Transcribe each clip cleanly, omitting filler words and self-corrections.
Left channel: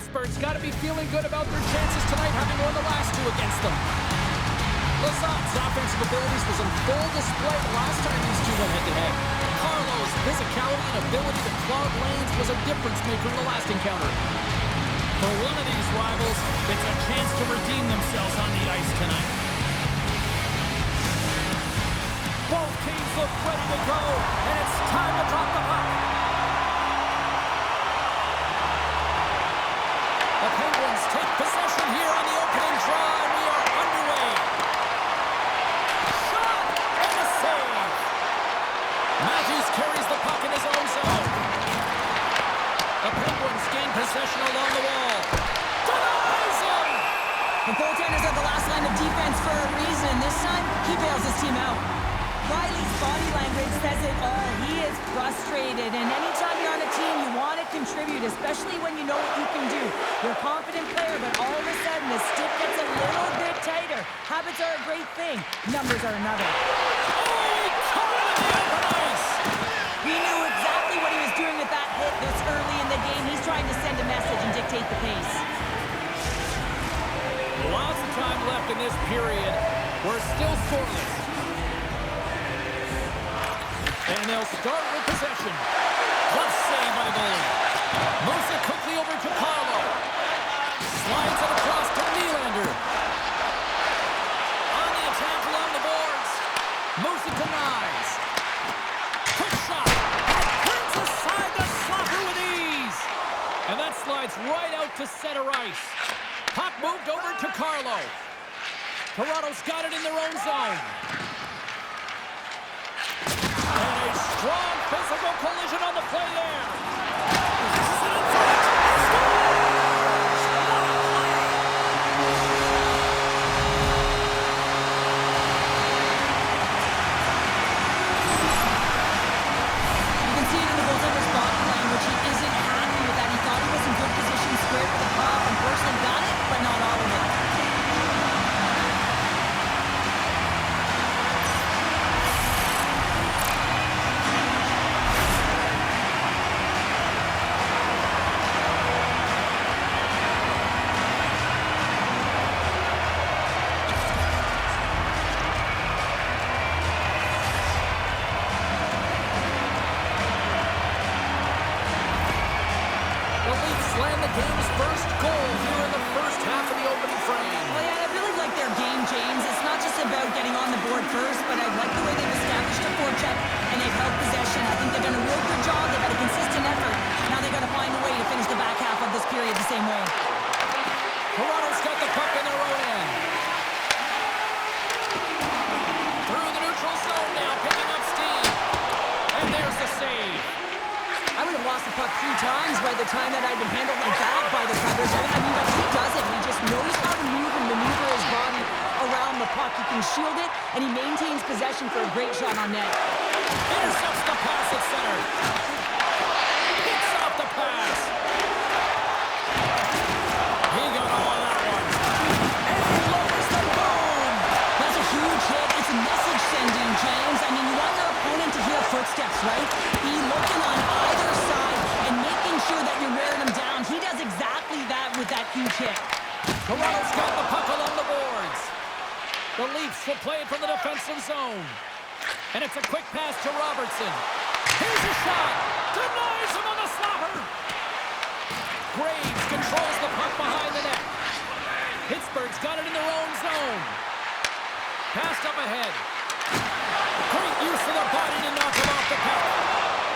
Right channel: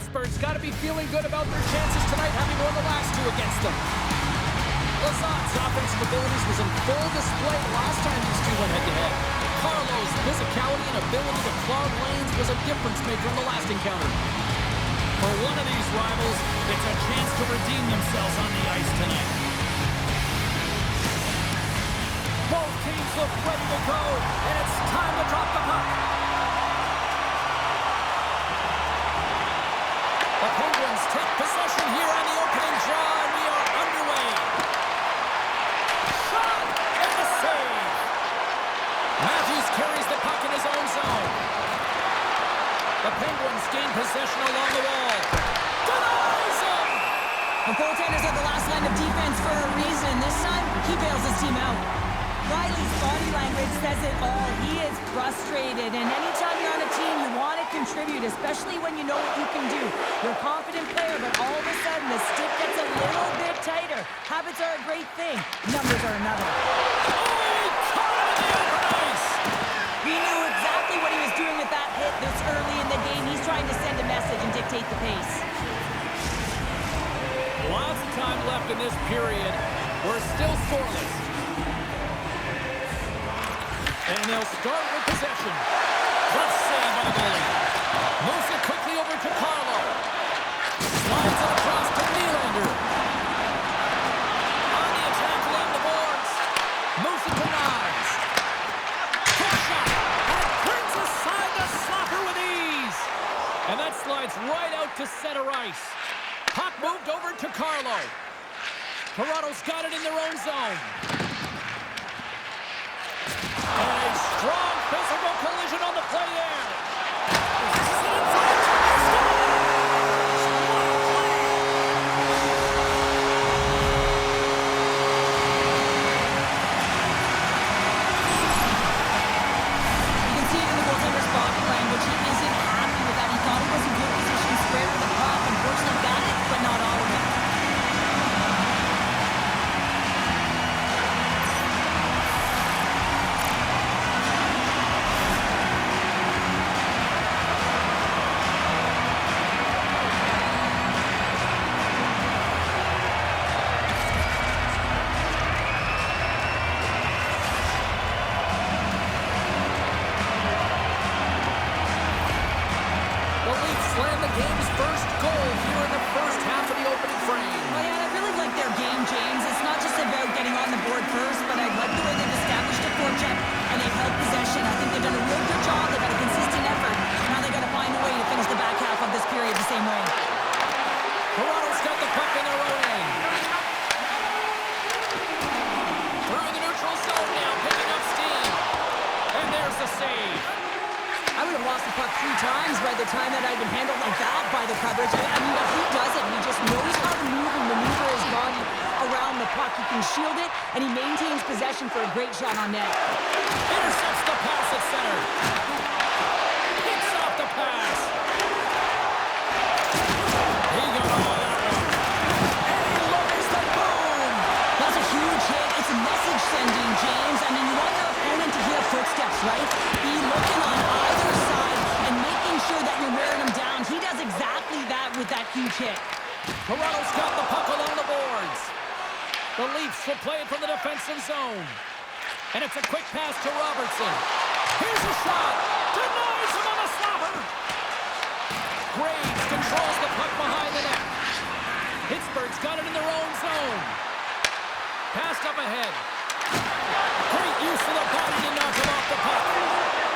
Pittsburgh's got to be feeling good about their chances tonight, having won the last two against them. Lazat's offensive abilities was on full display the last time these two went head-to-head. Carlo's physicality and ability to clog lanes was a difference maker in the last encounter. For one of these rivals, it's a chance to redeem themselves on the ice tonight. Both teams look ready to go, and it's time to drop the puck. The Penguins take possession here on the opening draw, and we are underway. Shot and a save. Matthews carries the puck in his own zone. The Penguins gain possession along the wall. Denies him! The goaltenders are the last line of defense for a reason. This time, he bails his team out. Riley's body language says it all. He is frustrated, and anytime you're on a team, you want to contribute, especially when you know what you can do. You're a confident player, but all of a sudden, the stick gets a little bit tighter. Habits are a great thing. Numbers are another. Oh, he caught him in the open ice! He knew exactly what he was doing with that hit this early in the game. He's trying to send a message and dictate the pace. Lots of time left in this period. We're still scoreless. And they'll start with possession. Clutch save by the goalie. Moves it quickly over to Carlo. Slides it across to Nylander. On the attack along the boards. Moves it to Nyes. Quick shot. And turns aside the slapper with ease. And that slides right out to center ice. Puck moved over to Carlo. Toronto's got it in their own zone. And a strong physical collision on the play there. Passes it in front. He scores! What a play! You can see it in the goaltender's body language. He isn't happy with that. He thought he was in good position, squared with the puck. Unfortunately got it, but not all of it. Slam the game's first goal here in the first half of the opening frame. Well, yeah, I really like their game, James. It's not just about getting on the board first, but I like the way they've established a forecheck and they've held possession. I think they've done a real good job. They've had a consistent effort. Now they've got to find a way to finish the back half of this period the same way. Toronto's got the puck in their own end. Through the neutral zone now, picking up steam. And there's the save. I would have lost the puck 3 times by the time that I'd been handled like that by the coverage. I mean, but he doesn't. He just knows how to move and maneuver his body around the puck. He can shield it, and he maintains possession for a great shot on net. Intercepts the pass at center. Picks off the pass. He got all of that one. And he lowers the boom. That's a huge hit. It's a message sending, James. I mean, you want your opponent to hear footsteps, right? Be looking on either side and making sure that you're wearing them down. He does exactly that with that huge hit. Toronto's got the puck along the boards. The Leafs will play it from the defensive zone. And it's a quick pass to Robertson. Here's a shot. Denies him on the slapper. Graves controls the puck behind the net. Pittsburgh's got it in their own zone. Passed up ahead. Great use of the body to knock him off the puck.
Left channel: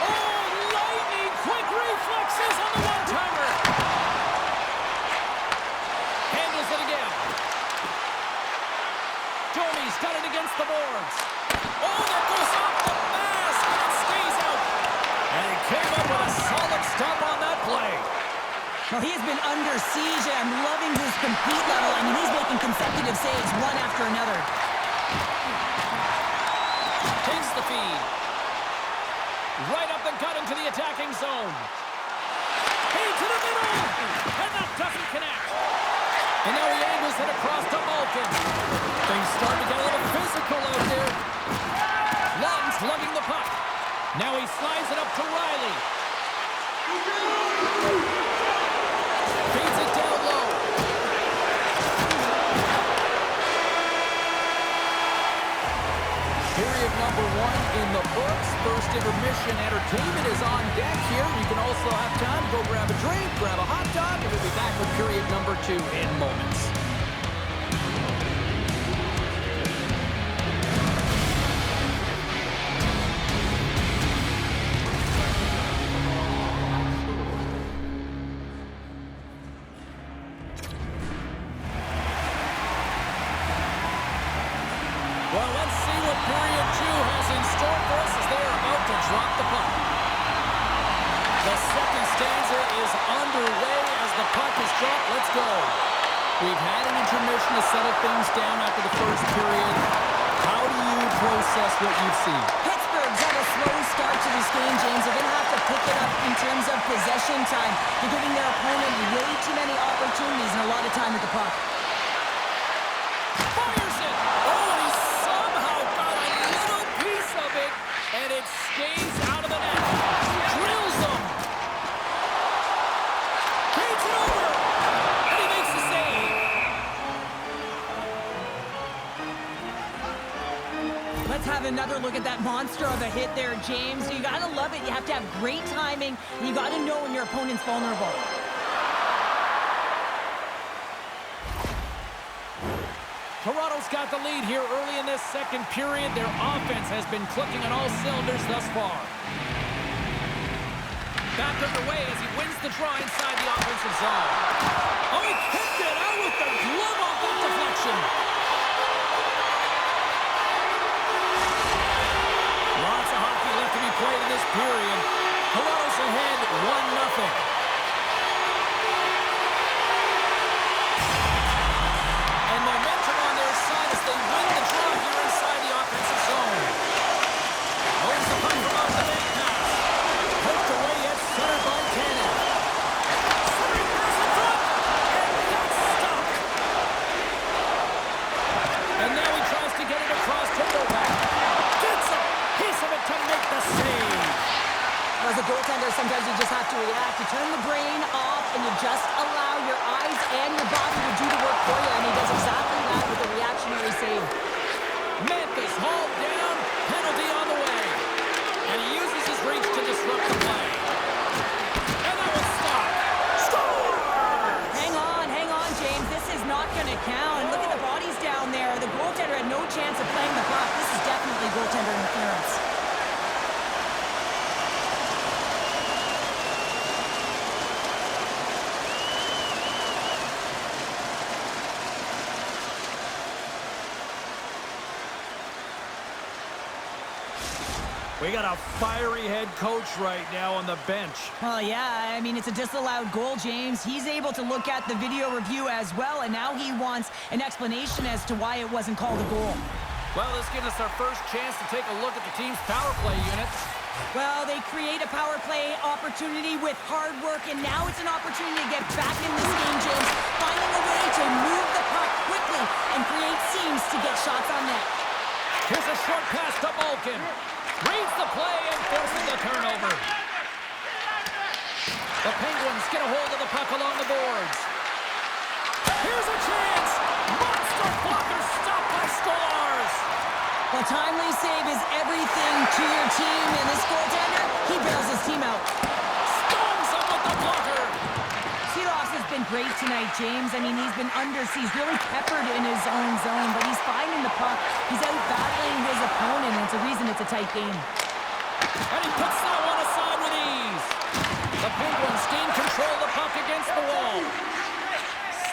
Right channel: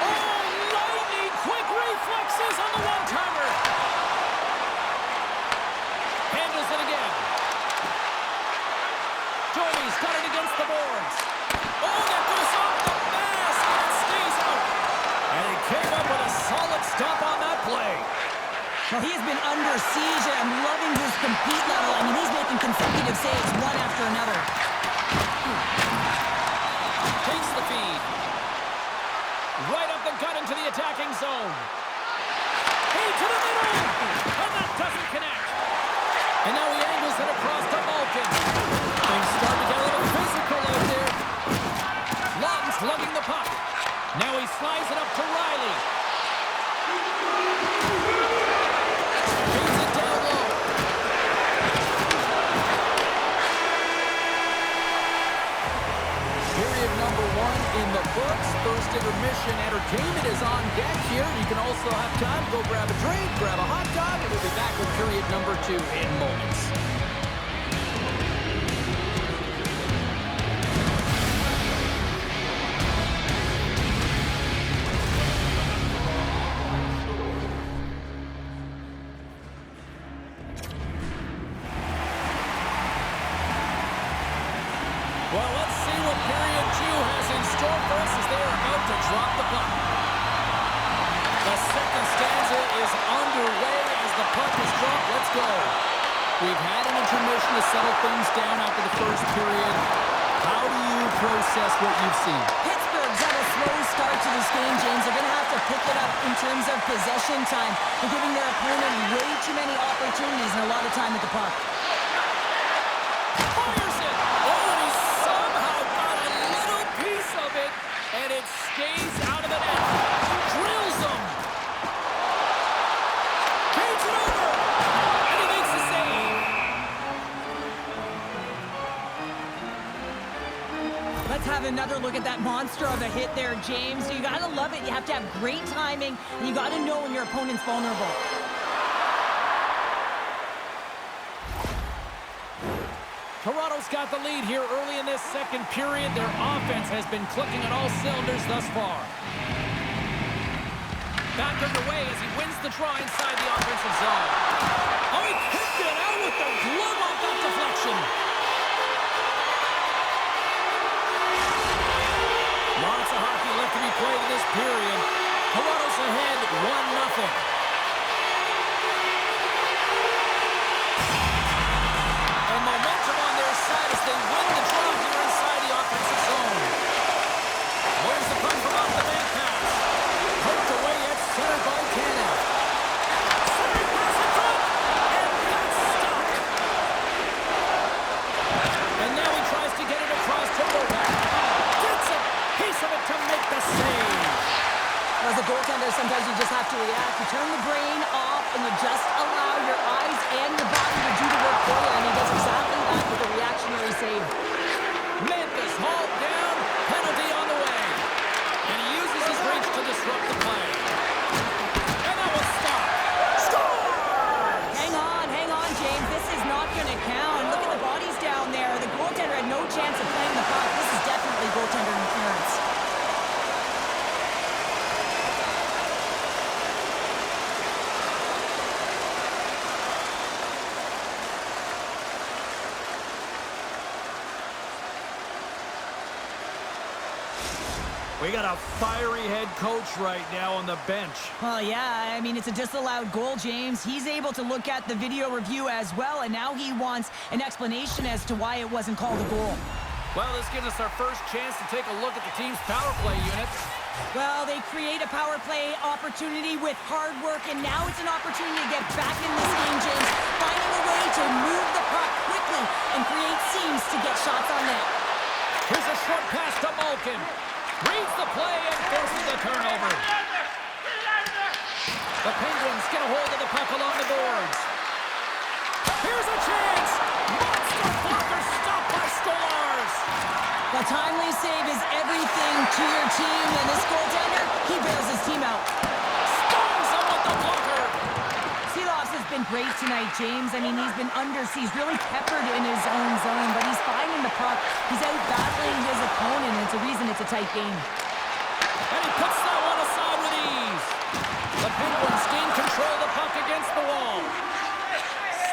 Oh, lightning quick reflexes on the one-timer. Handles it again. Domi's got it against the boards. Oh, that goes off the mask and it stays out. And he came up with a solid stop on that play. Well, he has been under siege, and I'm loving his compete level. I mean, he's making consecutive saves one after another. Takes the feed. Right up the gut into the attacking zone. Feed to the middle. And that doesn't connect. And now he angles it across to Malkin. Things start to get a little physical out there. Lawton's lugging the puck. Now he slides it up to Riley. Feeds it period number 1 in the books. First intermission entertainment is on deck here. You can also have time to go grab a drink, grab a hot dog, and we'll be back with period number 2 in moments. Well, let's see what period 2 has in store for us as they are about to drop the puck. The second stanza is underway as the puck is dropped. Let's go. We've had an intermission to settle things down after the first period. How do you process what you've seen? Pittsburgh's had a slow start to this game, James. They're going to have to pick it up in terms of possession time. They're giving their opponent way too many opportunities and a lot of time with the puck. Fires it! Oh, and he somehow got a little piece of it, and it stays out of the net. Drills him! Feeds it over! And he makes the save! Let's have another look at that monster of a hit there, James. You got to love it. You have to have great timing, and you got to know when your opponent's vulnerable. Toronto's got the lead here early in this second period. Their offense has been clicking on all cylinders thus far. Back underway as he wins the draw inside the offensive zone. Oh, he kicked it out with the glove off that deflection. Lots of hockey left to be played in this period. Toronto's ahead 1-0. And momentum on their side as they win the draw here inside the offensive zone. Moves the puck from off the bank pass. Poked away yet centered by Tanev. Centering pass in front, and that's stopped. And now he tries to get it across to Novak. Gets a piece of it to make the save. As a goaltender, sometimes you just have to react. You turn the brain off, and you just allow your eyes and your body to do the work for you, and he does exactly that with a reactionary save. Memphis hauled down, penalty on the way. And he uses his reach to disrupt the play. And that was stopped. Scores! Hang on, James. This is not going to count. Look at the bodies down there. The goaltender had no chance of playing the puck. This is definitely goaltender interference. We got a fiery head coach right now on the bench. Well, yeah, I mean, it's a disallowed goal, James. He's able to look at the video review as well, and now he wants an explanation as to why it wasn't called a goal. Well, this gives us our first chance to take a look at the team's power play unit. Well, they create a power play opportunity with hard work, and now it's an opportunity to get back in this game, James, finding a way to move the puck quickly and create seams to get shots on net. Here's a short pass to Malkin. Reads the play and forces the turnover. The Penguins get a hold of the puck along the boards. Here's a chance. Monster blocker stopped by Skolars. The timely save is everything to your team, and this goaltender, he bails his team out. Stones him with the blocker. Seeloffs has been great tonight, James. I mean, he's been he's really peppered in his own zone, but he's finding the puck. He's out battling his opponent, and it's a reason it's a tight game. And he puts that one aside with ease. The Penguins gain control of the puck against the wall.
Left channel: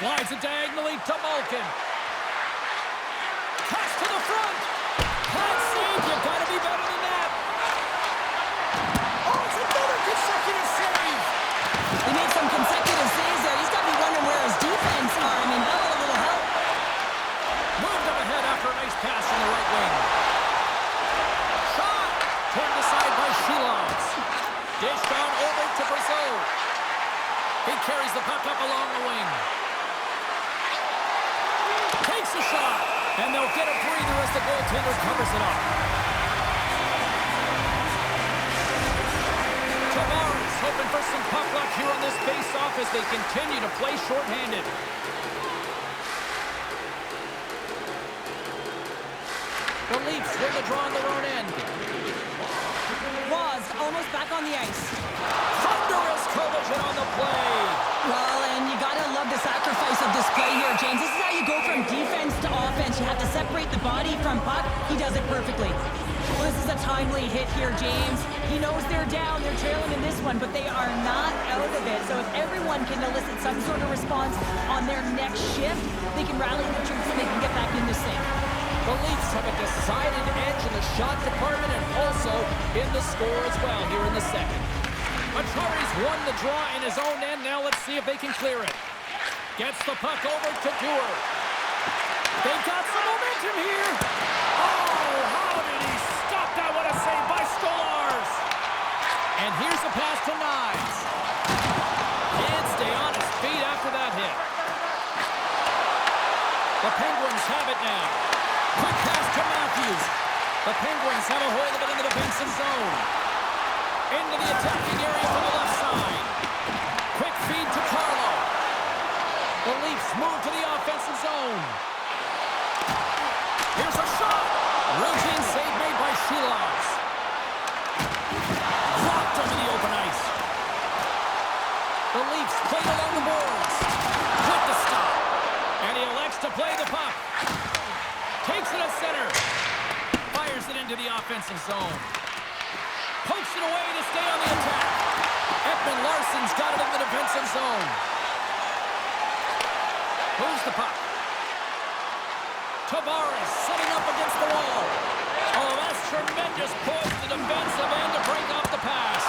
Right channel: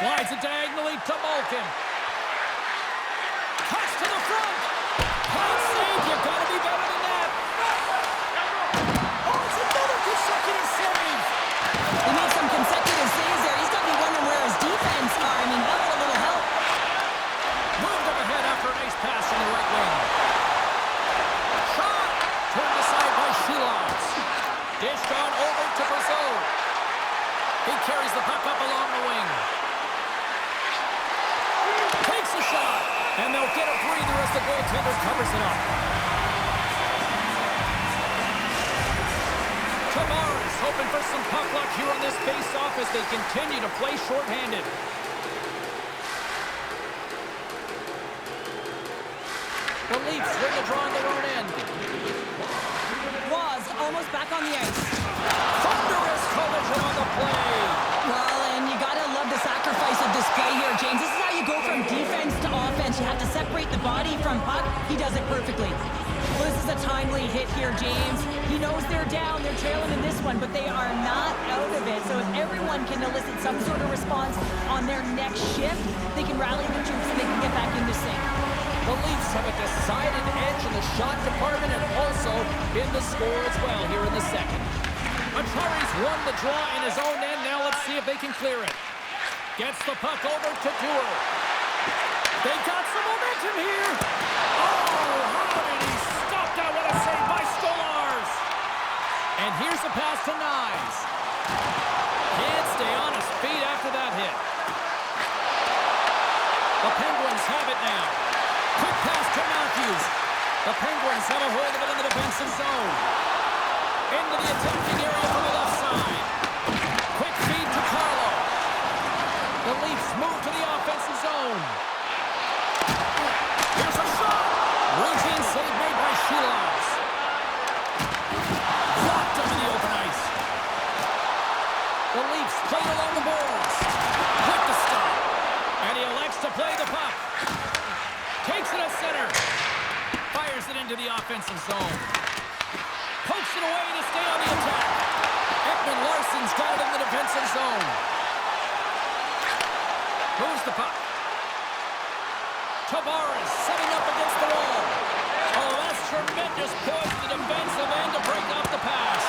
Slides it diagonally to Malkin. Pass to the front. Pass save. You gotta be better than that. Oh, it's another consecutive save. He made some consecutive saves there. He's got me wondering where his defense are. I mean, how about a little help? Moved up ahead after a nice pass from the right wing. Shot. Turned aside by Sheelovs. Dished on over to Brazeau. He carries the puck up along the wing. Takes a shot. And they'll get a breather as the goaltender covers it up. Tavares hoping for some puck luck here on this face-off as they continue to play shorthanded. The Leafs win the draw on their own end. Was almost back on the ice. Thunderous collision on the play. Well, and you gotta love the sacrifice of this play here, James. This is how you go from defense to offense. You have to separate the body from puck. He does it perfectly. Well, this is a timely hit here, James. He knows they're down, they're trailing in this one, but they are not out of it. So if everyone can elicit some sort of response on their next shift, they can rally the troops and they can get back in this thing. The Leafs have a decided edge in the shot department and also in the score as well here in the second. Achari's won the draw in his own end. Now let's see if they can clear it. Gets the puck over to Dewar. They've got some momentum here. Oh, how did he stop that? What a save by Stolarz. And here's the pass to Knies. Can't stay on his feet after that hit. The Penguins have it now. Quick pass to Matthews. The Penguins have a hold of it in the defensive zone. Into the attacking area from the left side. Quick feed to Carlo. The Leafs move to the offensive zone. Here's a shot. Routine save made by Shilovs. Blocked him in the open ice. The Leafs played along the boards. Quick to stop. And he elects to play the puck. Takes it at center. Fires it into the offensive zone. Pokes it away to stay on the attack. Ekman-Larsson's got it in the defensive zone. Moves the puck. Tavares setting up against the wall. Oh, that's tremendous poise to the defensive end to break off the pass.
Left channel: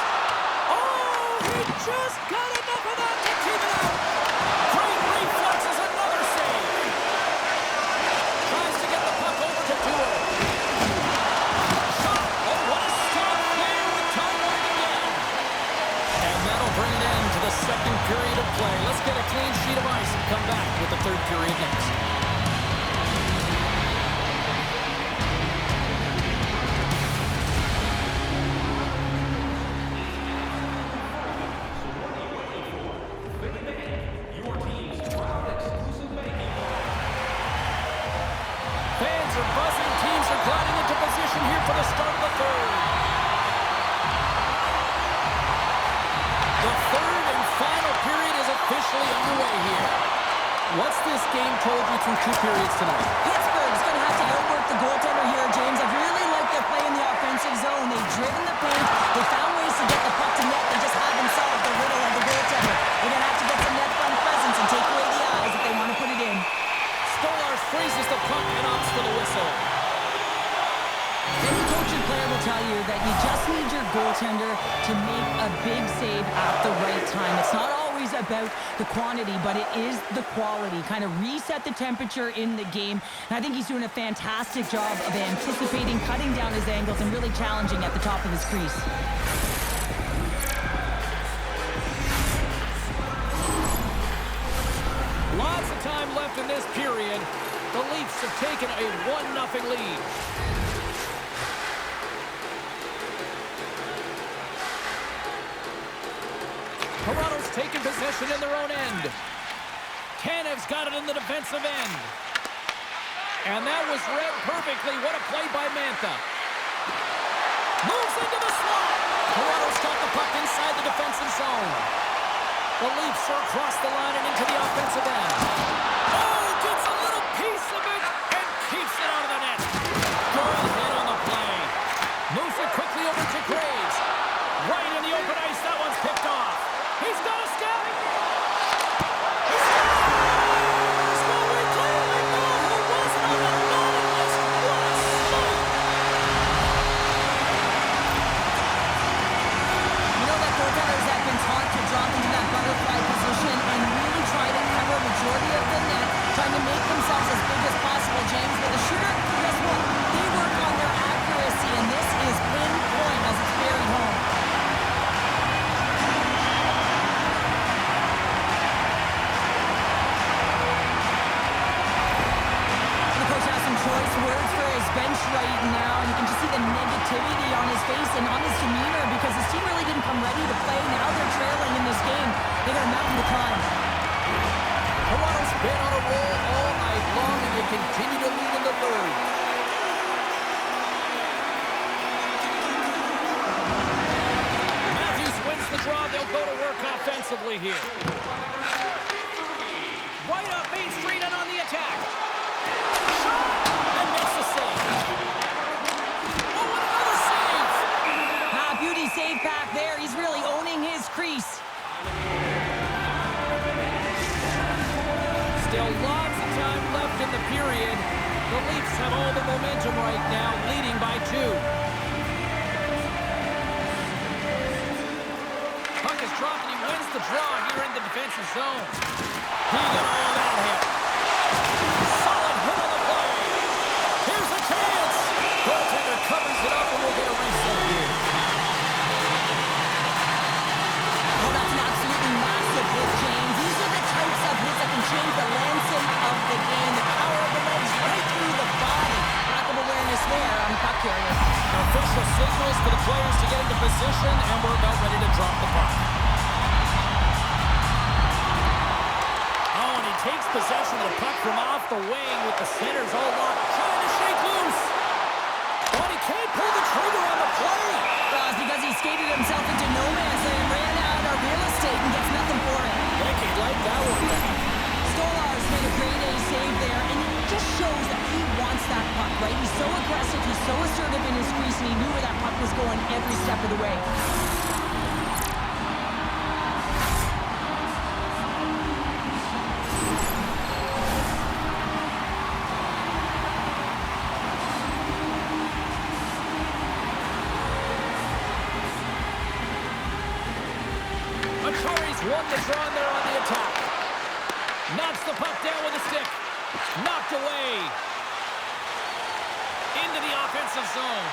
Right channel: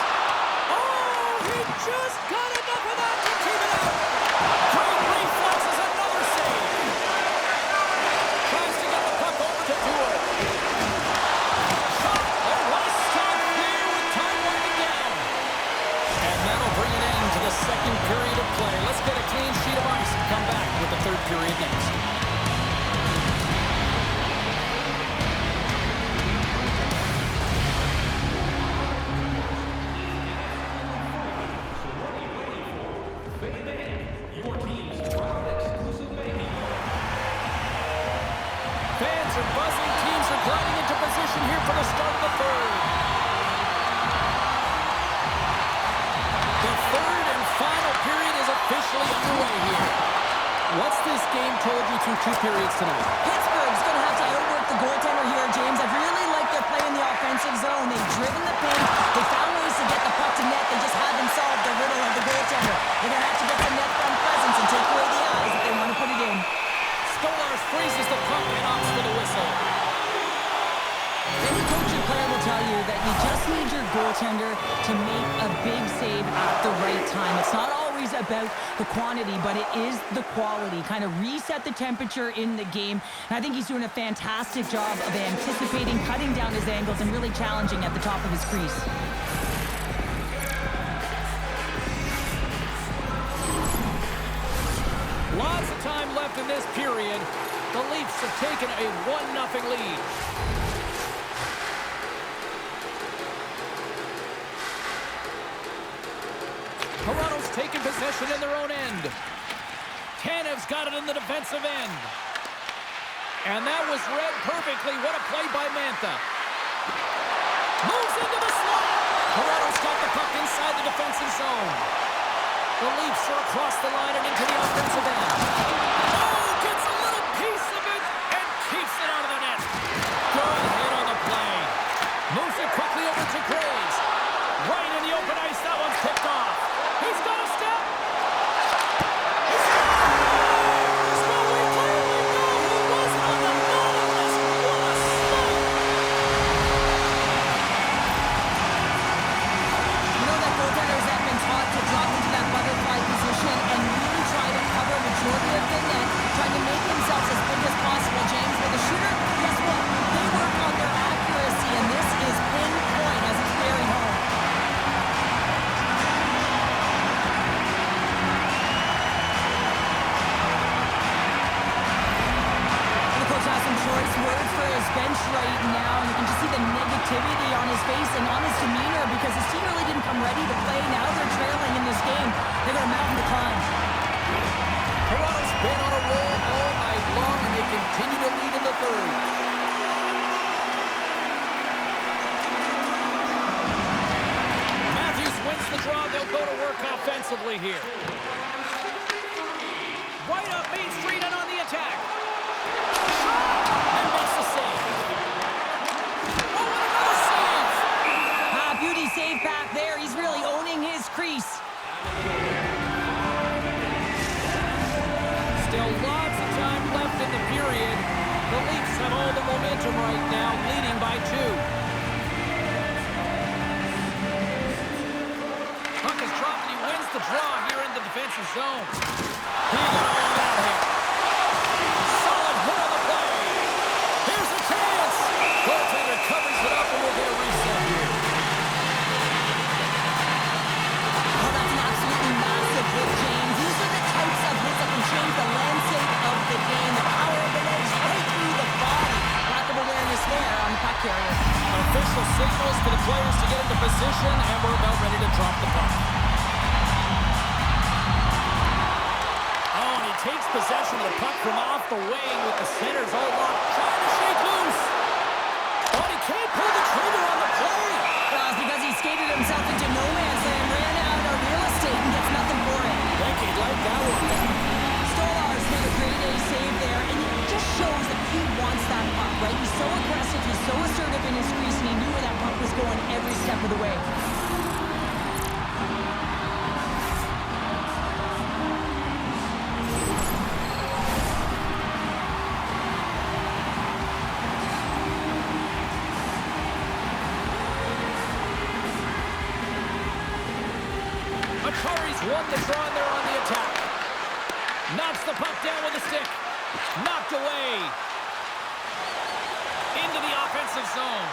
Oh, he just got enough of that to keep it out. Great reflexes, another save. Tries to get the puck over to Dewar. Shot. Oh, what a stop there with time winding down. And that'll bring an end to the second period of play. Let's get a clean sheet of ice and come back with the third period next. Fans are buzzing. Teams are gliding into position here for the start of the third. The third and final period is officially underway here. What's this game told you through two periods tonight? Pittsburgh's going to have to outwork the goaltender here, James. I really like their play in the offensive zone. They've driven the paint. They found ways to get the puck to net. They just haven't solved the riddle of the goaltender. They're going to have to get some net front presence and take away the eyes if they want to put it in. Stolarz freezes the puck and opts for the whistle. Any coach and player will tell you that you just need your goaltender to make a big save at the right time. It's not always about the quantity, but it is the quality. Kind of reset the temperature in the game. And I think he's doing a fantastic job of anticipating, cutting down his angles, and really challenging at the top of his crease. Lots of time left in this period. The Leafs have taken a 1-0 lead. Toronto's taken possession in their own end. Tanev's got it in the defensive end. And that was read perfectly. What a play by Mantha. Moves into the slot. Toronto's got the puck inside the defensive zone. The Leafs are across the line and into the offensive end. Oh, gets a little piece of it and keeps it out of the net. Good hit on the play. Moves it quickly over to Graves. Right in the open ice, that one's picked off. He's got a step. He scores! Well, we clearly know who wasn't on the naughty list. What a sight! You know that goaltenders have been taught to drop into that butterfly position and really try to cover a majority of the net, trying to make themselves as big as possible, James. But the shooter, guess what? They work on their accuracy, and this is pinpoint as it's buried home. The coach has some choice words for his bench right now, and you can just see the negativity on his face and on his demeanor because his team really didn't come ready to play. Now they're trailing in this game. They got a mountain to climb. Toronto's been on a roll all night long, and they continue to lead in the third. draw. They'll go to work offensively here. Right up Main Street and on the attack. Shot! And makes the save. Oh, and another save! Beauty save back there. He's really owning his crease. Still lots of time left in the period. The Leafs have all the momentum right now, leading by 2. Puck is dropped and he wins the draw here in the defensive zone. He got all of that hit. Solid hit on the play. Here's a chance. Goaltender covers it up and we'll get a reset here. Oh, that's an absolutely massive hit, James. These are the types of hits that can change the landscape of the game. The power of the legs right through the body. Lack of awareness there on the puck carrier. Official signals for the players to get into position, and we're about ready to drop the puck. Oh, and he takes possession of the puck from off the wing with the centers all locked, trying to shake loose. Oh, and he can't pull the trigger on the play. Well, it's because he skated himself into no man's land, ran out of real estate, and gets nothing for it. Think he'd like that one back. Stolarz made a great A save there, and it just shows that he wants that puck, right? He's so aggressive, he's so assertive in his crease, and he knew where that puck was going every step of the way. Won the draw and they're on the attack. Knocks the puck down with a stick. Knocked away. Into the offensive zone.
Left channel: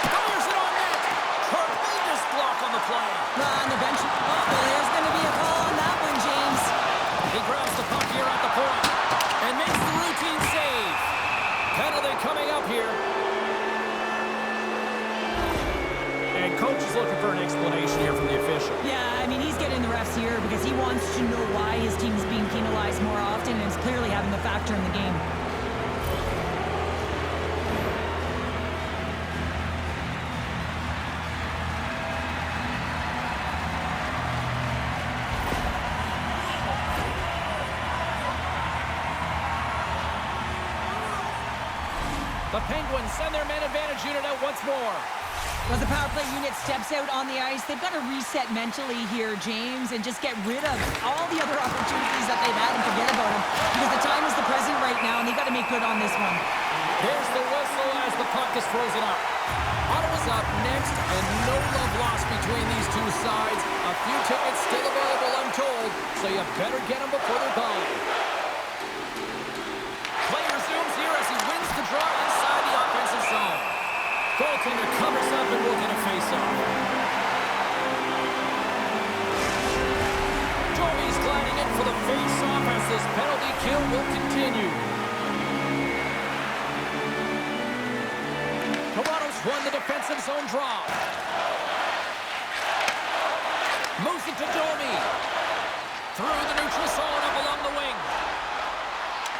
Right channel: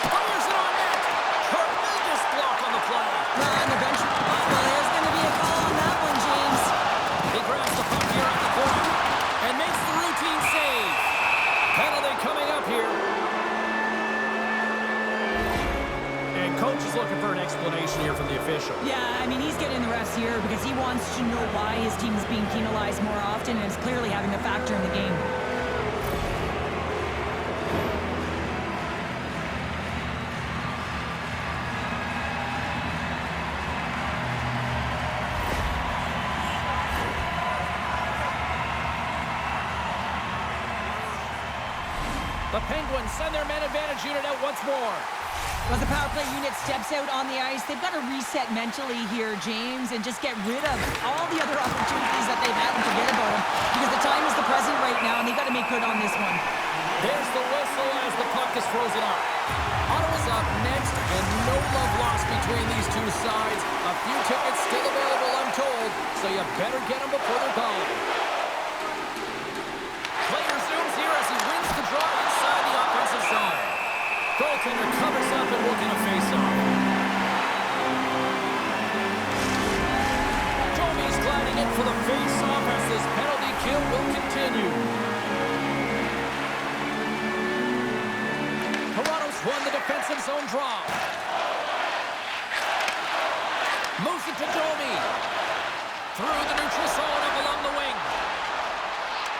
Fires it on net. Tremendous block on the play. On the bench. Oh, well, there's going to be a call on that one, James. He grabs the puck here at the point and makes the routine save. Penalty coming up here. And coach is looking for an explanation here from the official. Yeah, I mean, he's getting the refs here because he wants to know why his team is being penalized more often, and it's clearly having a factor in the game. The Penguins send their man advantage unit out once more. As the power play unit steps out on the ice, they've got to reset mentally here, James, and just get rid of all the other opportunities that they've had and forget about them, because the time is the present right now, and they've got to make good on this one. There's the whistle as the puck is frozen up. Ottawa's up next, and no love lost between these two sides. A few tickets still available, I'm told, so you better get them before they're gone. Play resumes here as he wins the draw inside the offensive zone. Goaltender covers up and will get a face-off. Domi's gliding in for the face-off as this penalty kill will continue. Toronto's won the defensive zone draw. Moves it to Domi. Through the neutral zone up along the wing.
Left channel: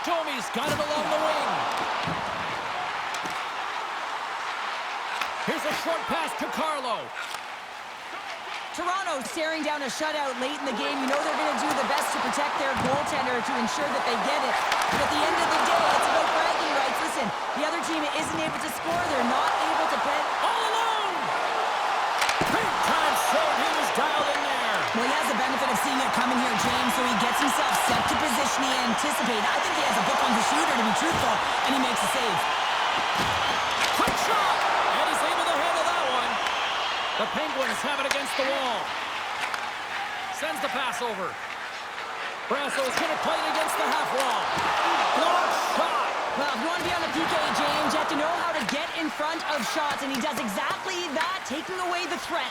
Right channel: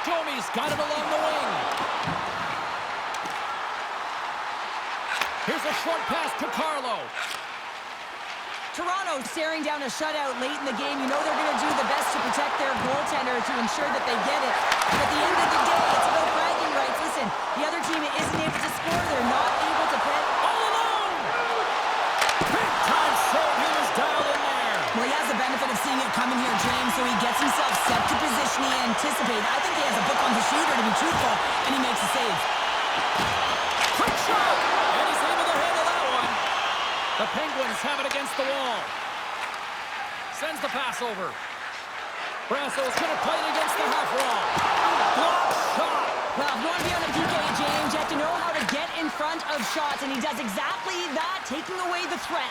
Domi's got it along the wing. Here's a short pass to Carlo. Toronto staring down a shutout late in the game. You know they're going to do the best to protect their goaltender to ensure that they get it. But at the end of the day, it's about bragging rights. Listen, the other team isn't able to score. They're not able to pet. All alone! Big time save. He was dialed in there. Well, he has the benefit of seeing it coming here, James, so he gets himself set to position he anticipated. I think he has a book on the shooter, to be truthful, and he makes a save. Quick shot! And he's able to handle that one. The Penguins have it against the wall. Sends the pass over. Brasso's going to play it against the half wall. Block shot! Well, if you want to be on the PK, James, you have to know how to get in front of shots, and he does exactly that, taking away the threat.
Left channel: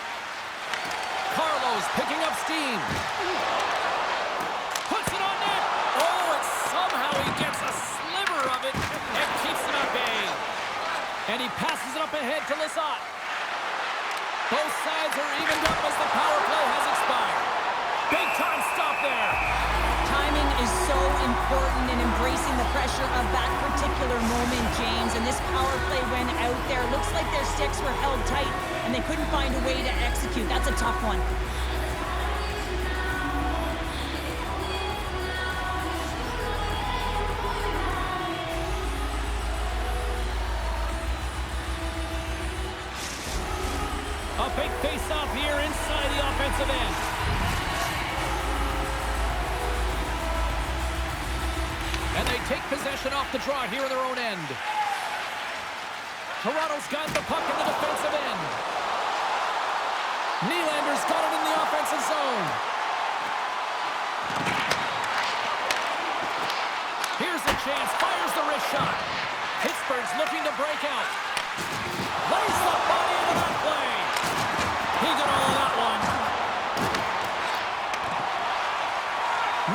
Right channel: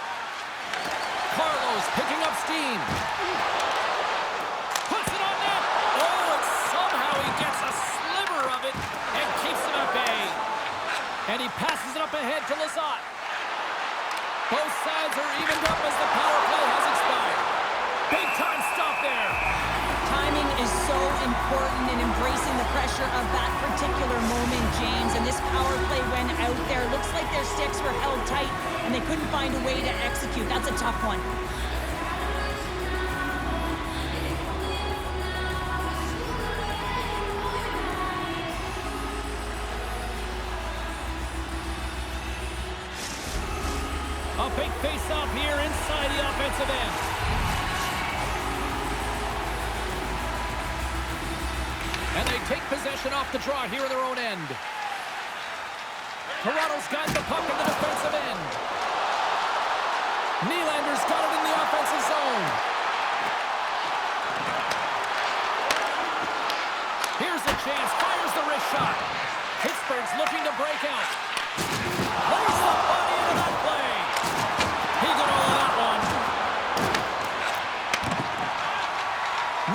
Carlo's picking up steam. Puts it on net. Oh, and somehow he gets a sliver of it and keeps him at bay. And he passes it up ahead to Lizotte. Both sides are evened up as the power play has expired. Big time stop there. Timing is so important in embracing the pressure of that particular moment, James. And this power play went out there. Looks like their sticks were held tight, and they couldn't find a way to execute. That's a tough one. A big face-off here inside the offensive end. And they take possession off the draw here in their own end. Toronto's got the puck in the defensive end. Nylander's got it in the offensive zone. Here's a chance. Fires the wrist shot. Pittsburgh's looking to break out. Lays the body into that play. He got all of that one.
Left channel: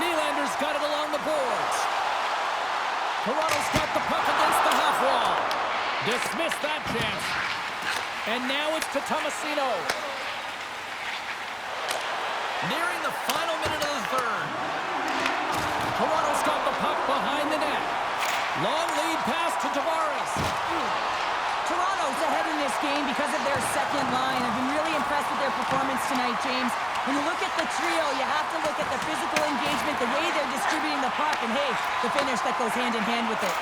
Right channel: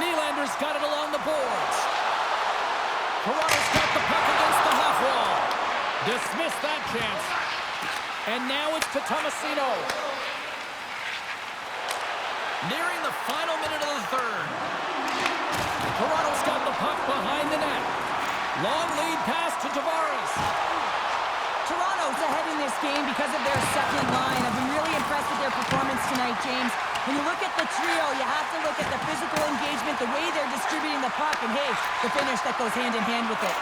Nylander's got it along the boards. Toronto's got the puck against the half wall. Dismissed that chance. And now it's to Tomasino. Nearing the final minute of the third. Toronto's got the puck behind the net. Long lead pass to Tavares. Toronto's ahead in this game because of their second line. I've been really impressed with their performance tonight, James. When you look at the trio, you have to look at the physical engagement, the way they're distributing the puck, and hey, the finish that goes hand in hand with it.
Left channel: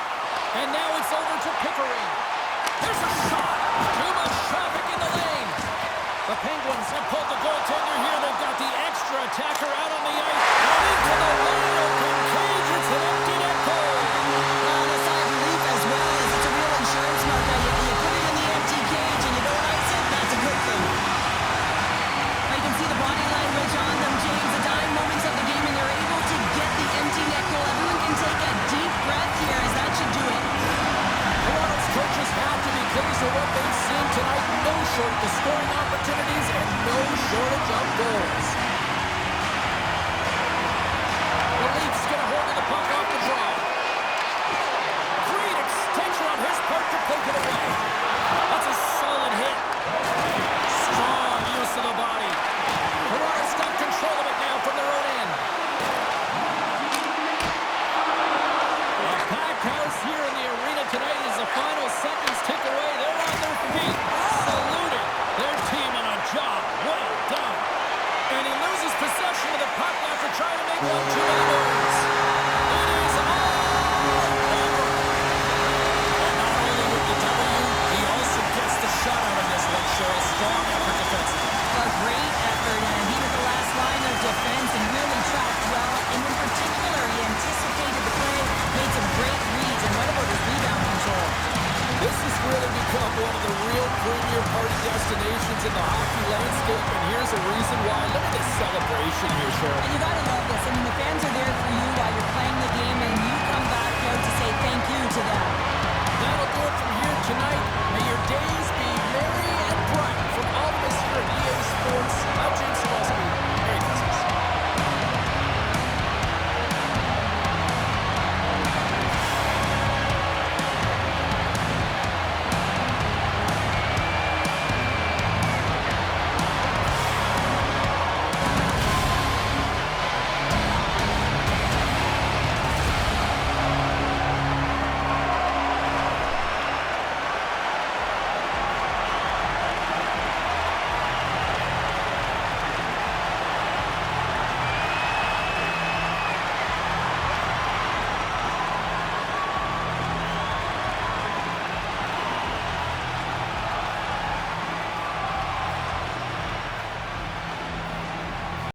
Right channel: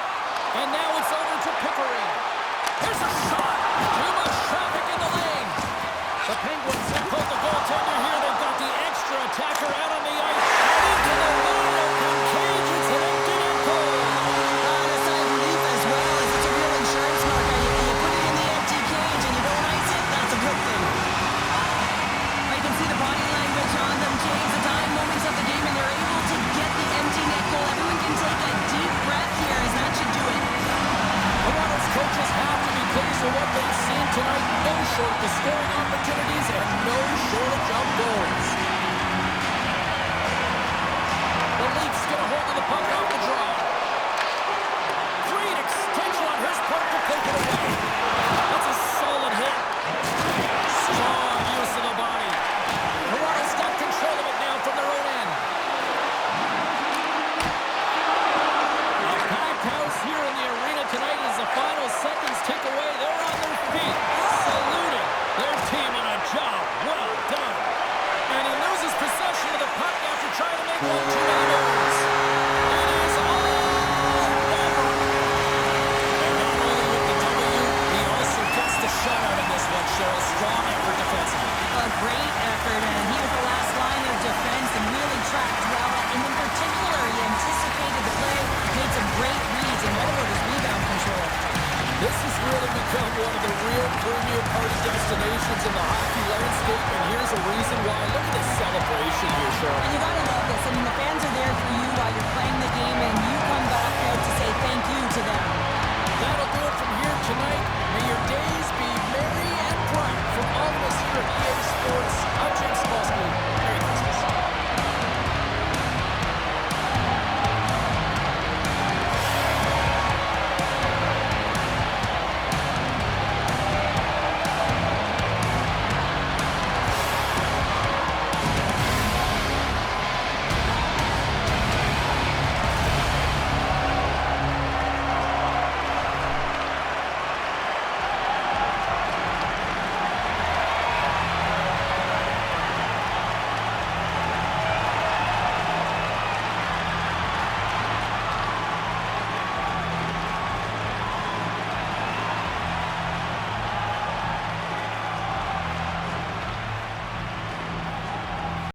And now it's over to Pickering. Here's a shot. Too much traffic in the lane. The Penguins have pulled the goaltender here. They've got the extra attacker out on the ice. And into the wide open cage. It's an empty net goal. A sigh of relief as well, as it's a real insurance marker. You put it in the empty cage and you don't ice it, that's a good thing. You can see the body language on them, James. The dying moments of the game, and they're able to get the empty net goal. Everyone can take a deep breath here, as that should do it. Toronto's coaches have to be pleased with what they've seen tonight. No shortage of scoring opportunities and no shortage of goals. The Leafs get a hold of the puck off the draw. Great extension on his part to poke it away. That's a solid hit. Strong use of the body. Toronto's got control of it now from their own end. A packed house here in the arena tonight as the final seconds tick away. They're on their feet, saluting their team on a job well done. And he loses possession of the puck after trying to make one too many moves. It is all over. And not only with the W, he also gets the shutout in this one, Cheryl. Strong effort defensively. A great effort, and he was the last line of defense and really tracked well. And in particular, he anticipated the play, made some great reads, and what about his rebound control? This has really become one of the real premier party destinations in the hockey landscape, and here's a reason why. Look at this celebration here, Cheryl. And you gotta love this. I mean, the fans are there for you while you're playing the game, and you come back out to say thank you to them. That'll do it from here tonight. May your days be merry and bright. From all of us here at EA Sports, I'm James Cebulski. Merry Christmas.